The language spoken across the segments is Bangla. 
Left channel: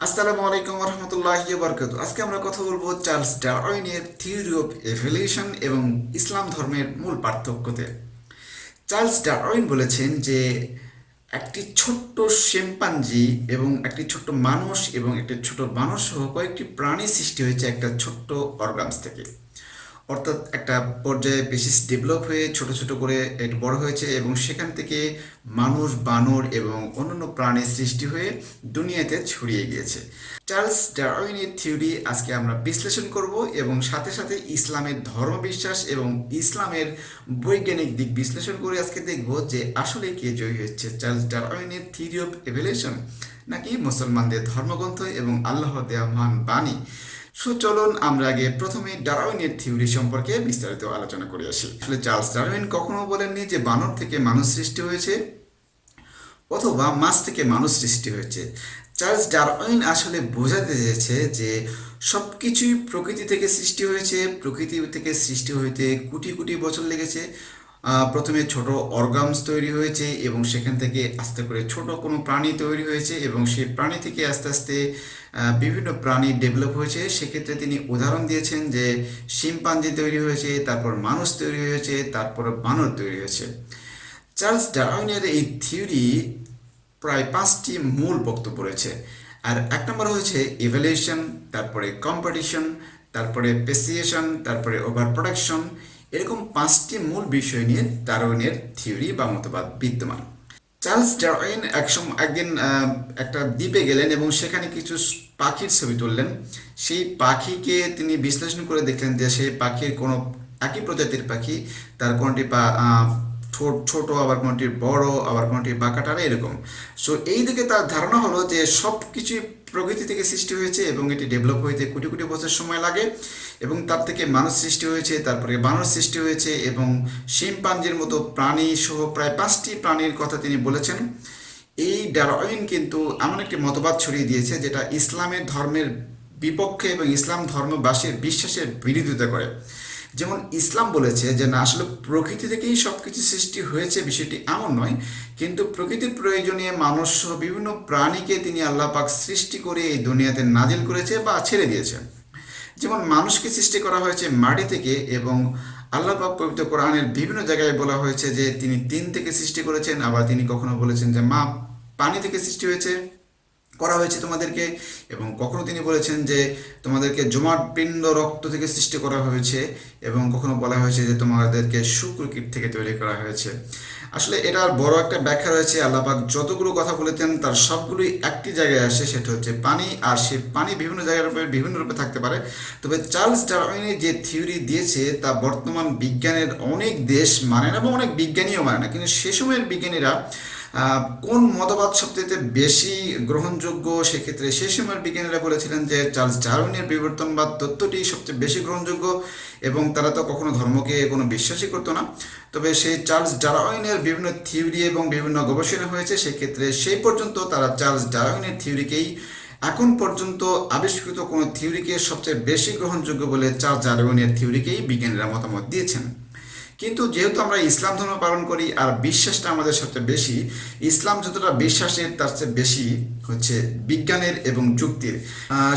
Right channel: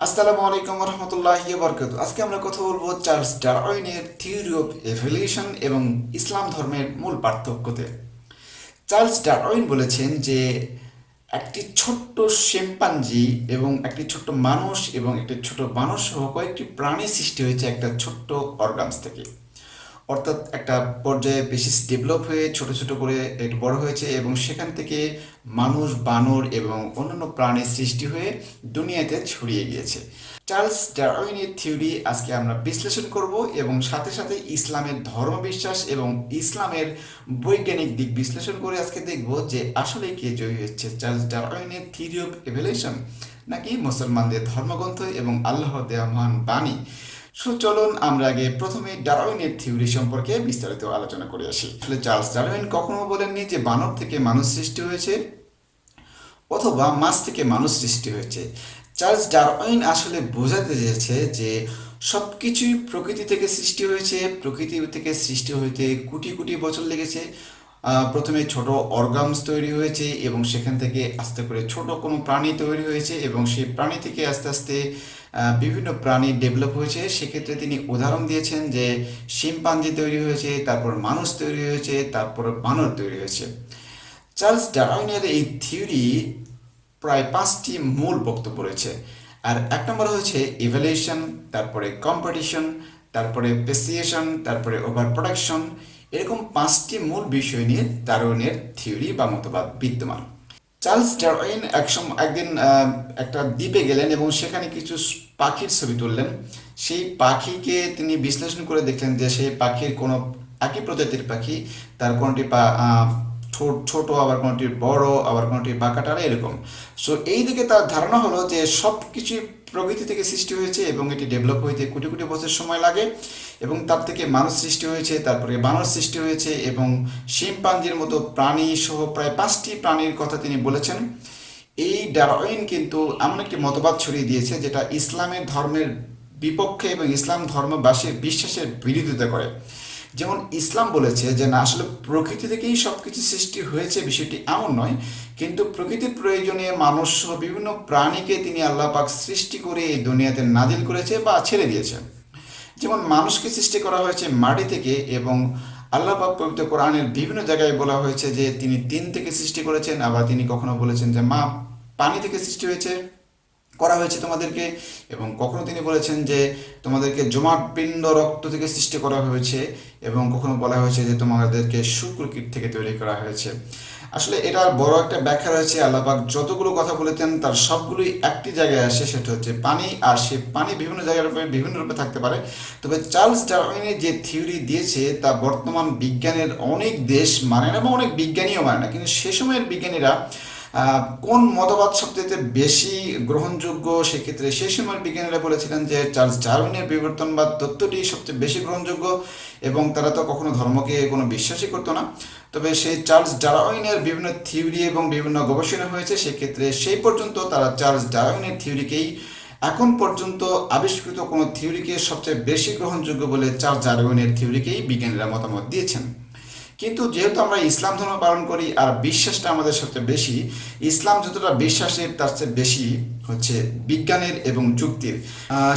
আসসালামু আলাইকুম রহমতুল্লাহি বারকাতু। আজকে আমরা কথা বলবো চার্লস ডারউইনের থিওরি অফ এভলিউশন এবং ইসলাম ধর্মের মূল পার্থক্যতে। চার্লস ডারউইন বলেছেন যে একটি ছোট্ট শিম্পাঞ্জি এবং একটি ছোট্ট মানুষ এবং একটি ছোট মানুষ সহ কয়েকটি প্রাণী সৃষ্টি হয়েছে একটা ছোট্ট অর্গানস থেকে। অর্থাৎ একটা পর্যায়ে বেশি ডেভেলপ হয়ে ছোট ছোট করে একটু বড় হয়েছে এবং সেখান থেকে মানুষ, বানর এবং অন্যান্য প্রাণীর সৃষ্টি হয়ে দুনিয়াতে ছড়িয়ে গিয়েছে। চার্লস ডারউইনের থিওরি আজকে আমরা বিশ্লেষণ করব এবং সাথে সাথে ইসলামের ধর্মবিশ্বাস এবং ইসলামের বৈজ্ঞানিক দিক বিশ্লেষণ করে আজকে দেখব যে আসলে কে জয়ী হচ্ছে, চার্লস ডারউইনের থিওরি অফ এভলিউশন নাকি মুসলমানদের ধর্মগ্রন্থ এবং আল্লাহর দেওয়া মহান বাণী। চলুন আমরা আগে প্রথমে ডারউইনের থিওরি সম্পর্কে বিস্তারিত আলোচনা করে আসি। আসলে চার্লস ডারউইন কখনো বলেননি যে বানর থেকে মানুষ সৃষ্টি হয়েছে অথবা মাছ থেকে মানুষ সৃষ্টি হয়েছে। চার্লস ডারউইন আসলে বোঝাতে চেয়েছে যে সব কিছুই প্রকৃতি থেকে সৃষ্টি হয়েছে, প্রকৃতি থেকে সৃষ্টি হইতে কোটি কোটি বছর লেগেছে। প্রথমে ছোট অর্গানস তৈরি হয়েছে এবং সেখান থেকে আস্তে করে ছোট কোনো প্রাণী তৈরি হয়েছে এবং সেই প্রাণী থেকে আস্তে আস্তে বিভিন্ন প্রাণী ডেভেলপ হয়েছে। সেক্ষেত্রে তিনি উদাহরণ দিয়েছেন যে শিম্পাঞ্জি তৈরি হয়েছে, তারপর মানুষ তৈরি হয়েছে, তারপর বানর তৈরি হয়েছে। চার্লস ডারউইনের এই থিওরি প্রায় 5টি মূল বক্তব্য রয়েছে। আর এক নম্বর হচ্ছে ইভ্যালুয়েশন, তারপরে কম্পিটিশন, তারপরে পেসিয়েশন, তারপরে ওভার প্রোডাকশন। এরকম 5টি মূল বিষয় নিয়ে ডারউইনের থিওরি বা মতবাদ বিদ্যমান। চার্লস ডারউইন একদিন একটা দ্বীপে গেলেন এবং সেখানে কিছু পাখির ছবি তুললেন। সেই পাখিকে তিনি বিশ্লেষণ করে দেখলেন যে সেই পাখির কোনো একই প্রজাতির পাখি, তার কোনটি ছোট, আবার কোনটি বড়, আবার কোনটি বাঁকাটারা, এরকম। সো এই দিকে তার ধারণা হলো যে সব কিছুই প্রকৃতি থেকে সৃষ্টি হয়েছে এবং এটি ডেভেলপ হইতে কোটি কোটি বছর সময় লাগে এবং তার থেকে মানুষ সৃষ্টি হয়েছে, তারপরে বানর সৃষ্টি হয়েছে এবং শিম্পাঞ্জির মতো প্রাণী সহ প্রায় 5টি প্রাণীর কথা তিনি বলেছেন। এই ডারউইন কিন্তু এমন একটি মতবাদ ছড়িয়ে দিয়েছে যেটা ইসলামের ধর্মের বিপক্ষে এবং ইসলাম ধর্মবাসীর বিশ্বাসের বিরোধিতা করে। যেমন ইসলাম বলেছে যে না, আসলে প্রকৃতি থেকেই সব কিছু সৃষ্টি হয়েছে, বিষয়টি এমন নয়, কিন্তু প্রকৃতির প্রয়োজনে মানুষ সহ বিভিন্ন প্রাণীকে তিনি আল্লাহ পাক সৃষ্টি করে এই দুনিয়াতে নাজিল করেছে বা ছেড়ে দিয়েছে। যেমন মানুষকে সৃষ্টি করা হয়েছে মাটি থেকে এবং আল্লাহ পাক পবিত্র কোরআনের বিভিন্ন জায়গায় বলা হয়েছে যে তিনি তিন থেকে সৃষ্টি করেছেন। আবার তিনি কখনো বলেছেন যে মা পানি থেকে সৃষ্টি হয়েছে করা হয়েছে তোমাদেরকে, এবং কখনো তিনি বলেছেন যে তোমাদেরকে জমাট পিণ্ড রক্ত থেকে সৃষ্টি করা হয়েছে, এবং কখনো বলা হয়েছে যে তোমাদেরকে শুক্রকীট থেকে তৈরি করা হয়েছে। আসলে এটার বড় একটা ব্যাখ্যা রয়েছে। আল্লাপাক যতগুলো কথা বলেছেন তার সবগুলোই একটি জায়গায় আসে, সেটা হচ্ছে পানি। আর সে পানি বিভিন্ন জায়গার উপরে বিভিন্ন রূপে থাকতে পারে। তবে চার্লস ডারউইনের যে থিওরি দিয়েছে তা বর্তমান বিজ্ঞানের অনেক দেশ মানে না এবং অনেক বিজ্ঞানীও মানে না, কিন্তু সে সময়ের বিজ্ঞানীরা কোন মতবাদ সবচেয়ে বেশি গ্রহণযোগ্য, সেক্ষেত্রে সেই সময়ের বিজ্ঞানীরা বলেছিলেন যে চার্লস ডারউইনের বিবর্তনবাদ তত্ত্বটি সবচেয়ে বেশি গ্রহণযোগ্য, এবং তারা তো কখনো ধর্মকে কোনো বিশ্বাসই করতো না। তবে সেই চার্লস ডারউইনের বিভিন্ন থিওরি এবং বিভিন্ন গবেষণা হয়েছে, সেক্ষেত্রে সেই পর্যন্ত তারা চার্লস ডারউইনের থিওরিকেই এখন পর্যন্ত আবিষ্কৃত কোনো থিওরিকে সবচেয়ে বেশি গ্রহণযোগ্য বলে চার্লস ডারউইনের থিওরিকেই বিজ্ঞানীরা মতামত দিয়েছেন। কিন্তু যেহেতু আমরা ইসলাম ধর্ম পালন করি আর বিশ্বাসটা আমাদের সবচেয়ে বেশি, ইসলাম যতটা বিশ্বাসের তার চেয়ে বেশি হচ্ছে বিজ্ঞানের এবং যুক্তির।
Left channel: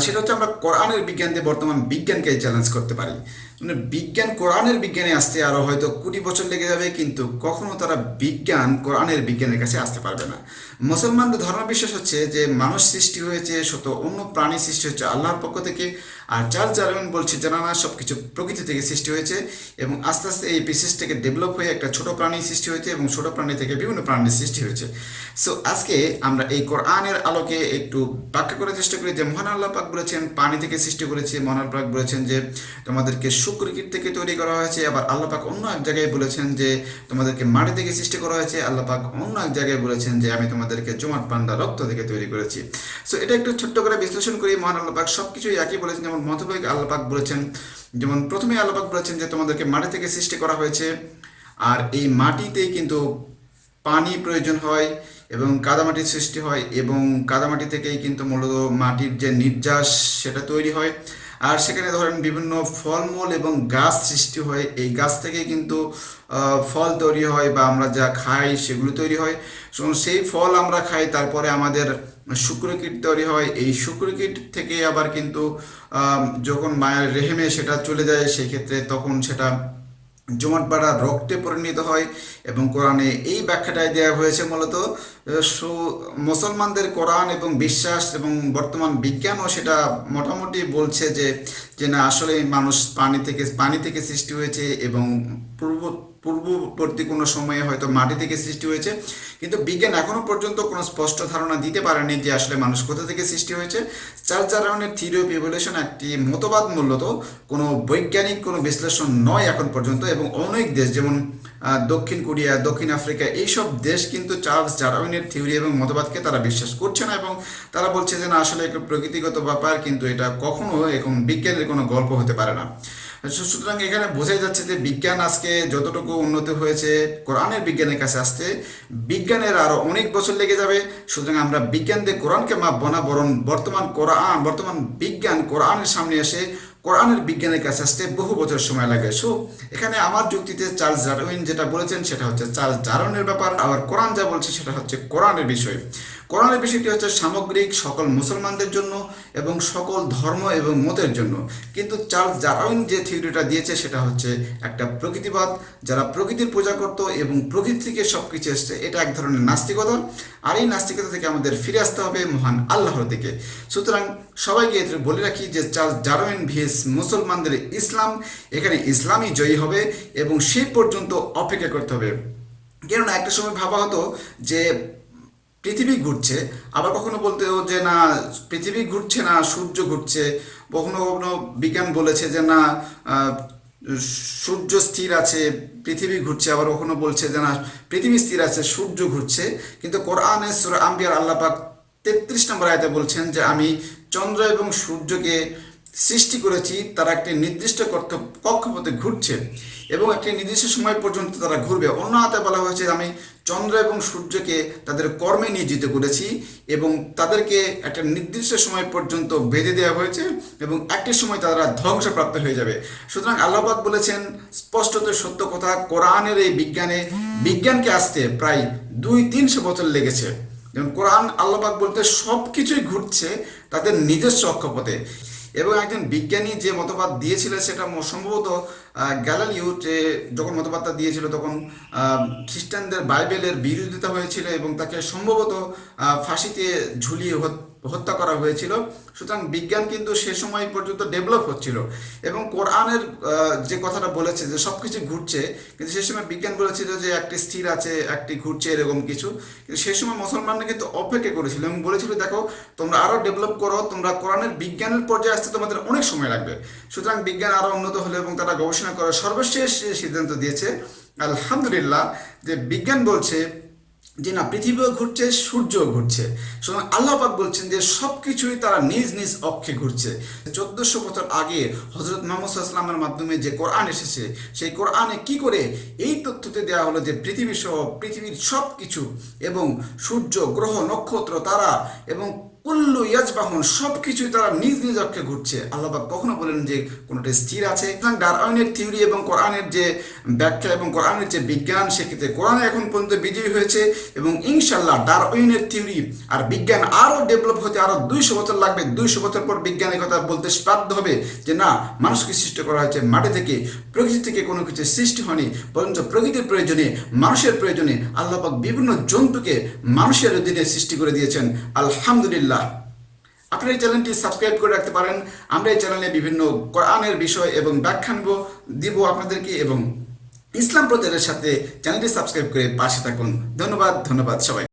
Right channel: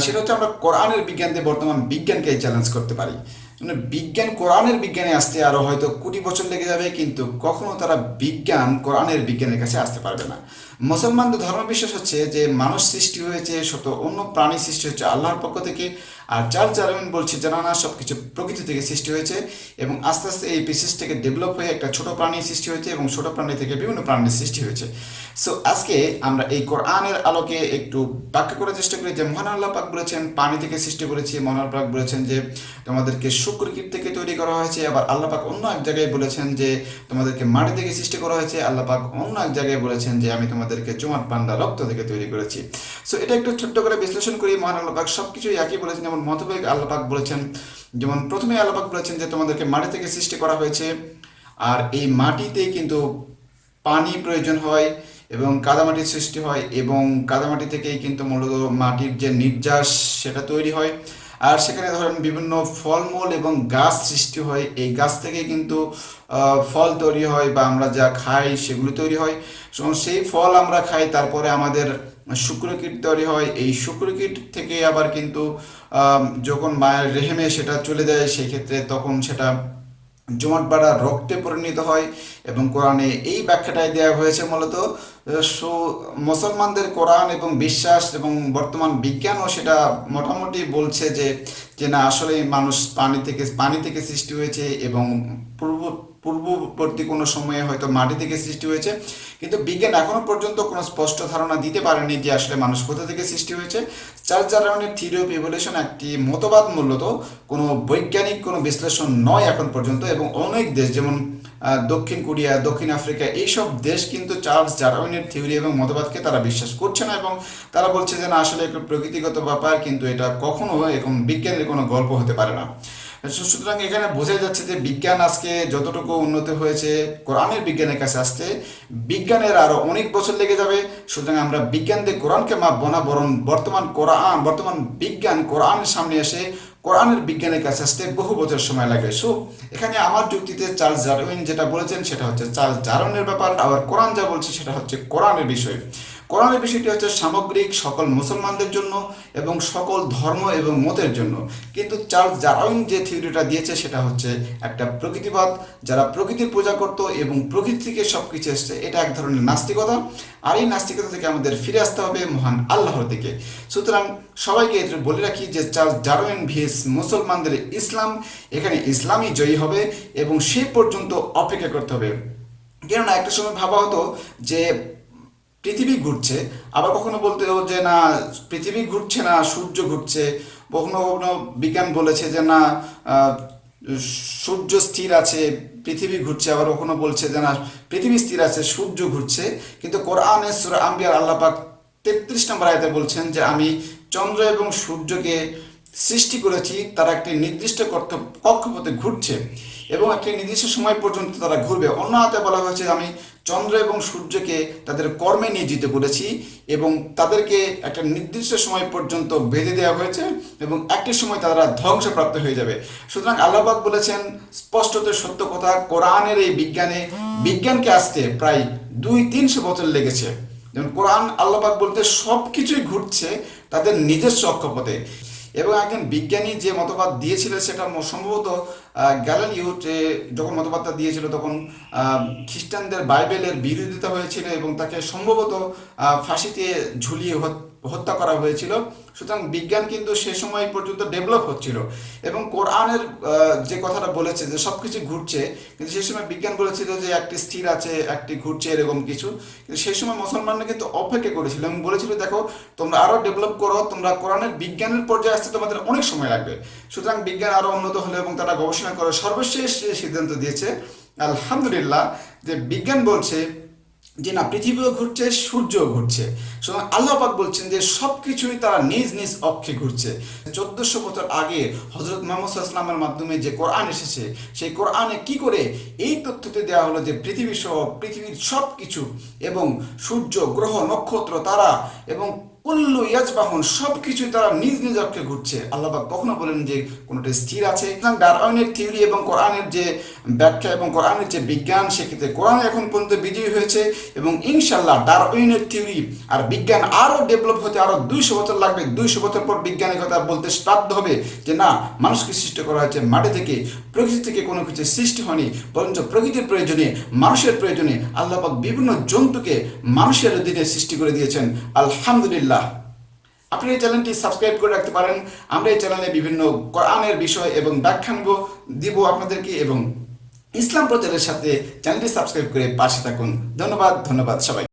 সেটা হচ্ছে আমরা কোরআনের বিজ্ঞান দিয়ে বর্তমান বিজ্ঞানকে চ্যালেঞ্জ করতে পারি। মানে বিজ্ঞান কোরআনের বিজ্ঞানে আসতে আরও হয়তো কোটি বছর লেগে যাবে, কিন্তু কখনো তারা বিজ্ঞান কোরআনের বিজ্ঞানের কাছে আসতে পারবে না। মুসলমানদের ধর্মবিশ্বাস হচ্ছে যে মানুষ সৃষ্টি হয়েছে শত অন্য প্রাণী সৃষ্টি হচ্ছে আল্লাহর পক্ষ থেকে, আর চার্লস ডারউইন বলছে যে না, সব কিছু প্রকৃতি থেকে সৃষ্টি হয়েছে এবং আস্তে আস্তে এই বিশেষ থেকে ডেভেলপ হয়ে একটা ছোট প্রাণী সৃষ্টি হয়েছে এবং ছোট প্রাণী থেকে বিভিন্ন প্রাণীর সৃষ্টি হয়েছে। সো আজকে আমরা এই কোরআনের আলোকে একটু ব্যাখ্যা করার চেষ্টা করি যে মহান আল্লাহ পাক বলেছেন পানি থেকে সৃষ্টি করেছে, মহান আল্লাহ পাক বলেছেন যে তোমাদেরকে শুক্রকীট থেকে তৈরি করা হয়েছে, আবার আল্লাহ পাক অন্য এক জায়গায় বলেছেন যে তোমাদেরকে মাটি থেকে সৃষ্টি করা হয়েছে, আল্লাহ পাক অন্য এক জায়গায় বলেছেন যে আমি তোমাদেরকে জমাট পান্ডা রক্ত থেকে তৈরি করেছি। সো এটা একটু ছোট্ট করে বিশ্লেষণ করি। মহান আল্লাহ পাক সব কিছুই একই বলেছেন। যেমন মতভেদ আল্লাহ পাক বলেছেন, যেমন প্রথমে আল্লাহ পাক বলেছেন যে তোমাদেরকে মাটি থেকে সৃষ্টি করা হয়েছে, আর এই মাটিতেই কিন্তু পানি প্রয়োজন হয় এবং কাদামাটির সৃষ্টি হয়, এবং কাদামাটি থেকেই কিন্তু মূলত মাটির যে নির্যাস সেটা তৈরি হয়। আর সেখানে ধরেন বিভিন্ন ফলমূল এবং গাছ সৃষ্টি হয়, এই গাছ থেকে কিন্তু ফল তৈরি হয় বা আমরা যা খাই সেগুলো তৈরি হয়। সেই ফল আমরা খাই, তারপরে আমাদের শুক্রকীট তৈরি হয়। এই শুক্রকীট থেকে আবার কিন্তু যখন মায়ের রেহেমে সেটা চলে যায় সেই ক্ষেত্রে তখন সেটা জমাট বাঁধা রক্তে পরিণত হয়। এবং কোরআনে এই ব্যাখ্যাটাই দেওয়া হয়েছে মূলত। মুসলমানদের কোরআন এবং বিশ্বাস এবং বর্তমান বিজ্ঞানও সেটা মোটামুটি বলছে যে যে না আসলে মানুষ পানি থেকে সৃষ্টি হয়েছে এবং পূর্ববর্তী কোনো সময়ে হয়তো মাটি থেকে সৃষ্টি হয়েছে। কিন্তু বিজ্ঞান এখনো পর্যন্ত কোনো স্পষ্ট ধারণা দিতে পারেনি যে আসলে মানুষ কোথা থেকে সৃষ্টি হয়েছে। চার্লস ডারউইনের থিওরি অফ ইভলিউশন একটি মতবাদ, মূলত কোনো বৈজ্ঞানিক কোনো বিশ্লেষণ নয় এখন পর্যন্ত। এবং অনেক দেশ যেমন দক্ষিণ কোরিয়া, দক্ষিণ আফ্রিকা, এইসব দেশ কিন্তু চার্লস ডারউইনের থিওরি এবং মতবাদকে তারা বিশ্বাস করছে না এবং তারা বলছে যে না আসলে একটু প্রকৃতিগত ব্যাপার, কিন্তু এটা কখনো এখন বিজ্ঞানের কোনো গল্প হতে পারে না। সুতরাং এখানে বোঝাই যাচ্ছে যে বিজ্ঞান আজকে যতটুকু উন্নতি হয়েছে কোরআনের বিজ্ঞানের কাছে আসতে বিজ্ঞানের আরও অনেক বছর লেগে যাবে। সুতরাং আমরা বিজ্ঞান দিয়ে কোরআনকে মাপবো না, বরং বর্তমান বিজ্ঞান কোরআনের সামনে এসে কোরআনের বিজ্ঞানের কাছে আসতে বহু বছর সময় লাগে। সো এখানে আমার যুক্তিতে চার্লস ডারউইন যেটা বলেছেন সেটা হচ্ছে চার্লস ডারউইনের ব্যাপার, আবার কোরআন যা বলছে সেটা হচ্ছে কোরআনের বিষয়। কোরআনের বিষয়টি হচ্ছে সামগ্রিক সকল মুসলমানদের জন্য এবং সকল ধর্ম এবং মতের জন্য। কিন্তু চার্লস ডারউইন যে থিওরিটা দিয়েছে সেটা হচ্ছে একটা প্রকৃতিবাদ, যারা প্রকৃতির পূজা করত এবং প্রকৃতি থেকে সব কিছু এসছে, এটা এক ধরনের নাস্তিকতা। আর এই নাস্তিকতা থেকে আমাদের ফিরে আসতে হবে মহান আল্লাহর দিকে। সুতরাং সবাইকে বলে রাখি যে চার্লস ডারউইন ভিএস মুসলমানদের ইসলাম, এখানে ইসলামই জয়ী হবে এবং সেই পর্যন্ত অপেক্ষা করতে হবে। কেননা একটা সময় ভাবা হতো যে পৃথিবী ঘুরছে, আবার কখনো বলতে যে না পৃথিবী ঘুরছে না, সূর্য ঘুরছে। কখনো কখনো বিজ্ঞান বলেছে যে না সূর্য স্থির আছে, পৃথিবী ঘুরছে। আবার কখনো বলছে যে না পৃথিবী স্থির আছে, সূর্য ঘুরছে। কিন্তু কোরআনে সূরা আম্বিয়ার আল্লাহ পাক 33 নম্বর আয়াতে বলছেন যে আমি চন্দ্র এবং সূর্যকে সৃষ্টি করেছি, তারা একটি নির্দিষ্ট কক্ষপথে ঘুরছে এবং একটি নির্দিষ্ট সময় পর্যন্ত তারা ঘুরবে। অন্য হাতে বলা হয়েছে আমি চন্দ্র এবং সূর্যকে তাদের কর্মে নিয়োজিত করেছি এবং তাদেরকে একটা নির্দিষ্ট সময় পর্যন্ত বেঁধে দেওয়া হয়েছে এবং একটি সময় তারা ধ্বংসপ্রাপ্ত হয়ে যাবে। সুতরাং আল্লাহ পাক বলেছেন স্পষ্টত সত্য কথা, কোরআনের এই বিজ্ঞানকে আসতে প্রায় 200-300 বছর লেগেছে। যেমন কোরআন আল্লাহ পাক বলতে সব কিছুই ঘুরছে তাদের নিজস্ব অক্ষপথে। এবং একজন বিজ্ঞানী যে মতবাদ দিয়েছিল সেটা সম্ভবত গ্যালিলিও যখন মতবাদটা দিয়েছিল তখন খ্রিস্টানদের বাইবেলের বিরোধিতা হয়েছিল এবং তাকে সম্ভবত ফাঁসিতে ঝুলিয়ে হত্যা করা হয়েছিল। সুতরাং বিজ্ঞান কিন্তু সে সময় পর্যন্ত ডেভেলপ হচ্ছিল এবং কোরআনের যে কথাটা বলেছে যে সব কিছু ঘুরছে, কিন্তু সেই সময় বিজ্ঞান বলেছিল যে একটি স্থির আছে, একটি ঘুরছে, এরকম কিছু। কিন্তু সেই সময় মুসলমানরা কিন্তু অপেক্ষা করেছিল এবং বলেছিল দেখো তোমরা আরও ডেভেলপ করো, তোমরা কোরআনের বিজ্ঞানের পর্যায়ে আসতে তোমাদের অনেক সময় লাগবে। সুতরাং বিজ্ঞান আরও উন্নত হলো এবং তারা গবেষণা করে সর্বশেষ সিদ্ধান্ত দিয়েছে আলহামদুলিল্লাহ যে বিজ্ঞান বলছে যে না পৃথিবীও ঘুরছে, সূর্যও ঘুরছে। সুতরাং আল্লাহ পাক বলছেন যে সব কিছুই তারা নিজ নিজ অক্ষে ঘুরছে। 1400 বছর আগে হজরত মুহাম্মদ সাল্লাল্লাহু আলাইহি ওয়াসাল্লামের মাধ্যমে যে কোরআন এসেছে সেই কোরআনে কি করে এই তথ্যতে দেওয়া হলো যে পৃথিবী সহ পৃথিবীর সব কিছু এবং সূর্য, গ্রহ, নক্ষত্র, তারা এবং কুল্লু ইয়াজবাহুন সব কিছুই তারা নিজ নিজ অক্ষে ঘুরছে। আল্লাহ পাক কখনো বলেন যে কোনোটা স্থির আছে। সুতরাং ডারউইনের থিওরি এবং কোরআনের যে ব্যাখ্যা এবং কোরআনের যে বিজ্ঞান, সেক্ষেত্রে কোরআন এখন পর্যন্ত বিজয়ী হয়েছে এবং ইনশাল্লাহ ডারউইনের থিওরি আর বিজ্ঞান আরও ডেভেলপ হতে আরও 200 বছর লাগবে। 200 বছর পর বিজ্ঞানের কথা বলতে বাধ্য হবে যে না মানুষকে সৃষ্টি করা হয়েছে মাটি থেকে, প্রকৃতি থেকে কোনো কিছু সৃষ্টি হয়নি, বরঞ্চ প্রকৃতির প্রয়োজনে, মানুষের প্রয়োজনে আল্লাহ পাক বিভিন্ন জন্তুকে মানুষের অধীনে সৃষ্টি করে দিয়েছেন। আলহামদুলিল্লাহ। আপনারা এই চ্যানেলটি সাবস্ক্রাইব করে রাখতে পারেন। আমরা এই চ্যানেলে বিভিন্ন কোরআনের বিষয় এবং ব্যাখ্যা দিব আপনাদেরকে এবং ইসলাম প্রচারের সাথে চ্যানেলটি সাবস্ক্রাইব করে পাশে থাকুন। ধন্যবাদ সবাই।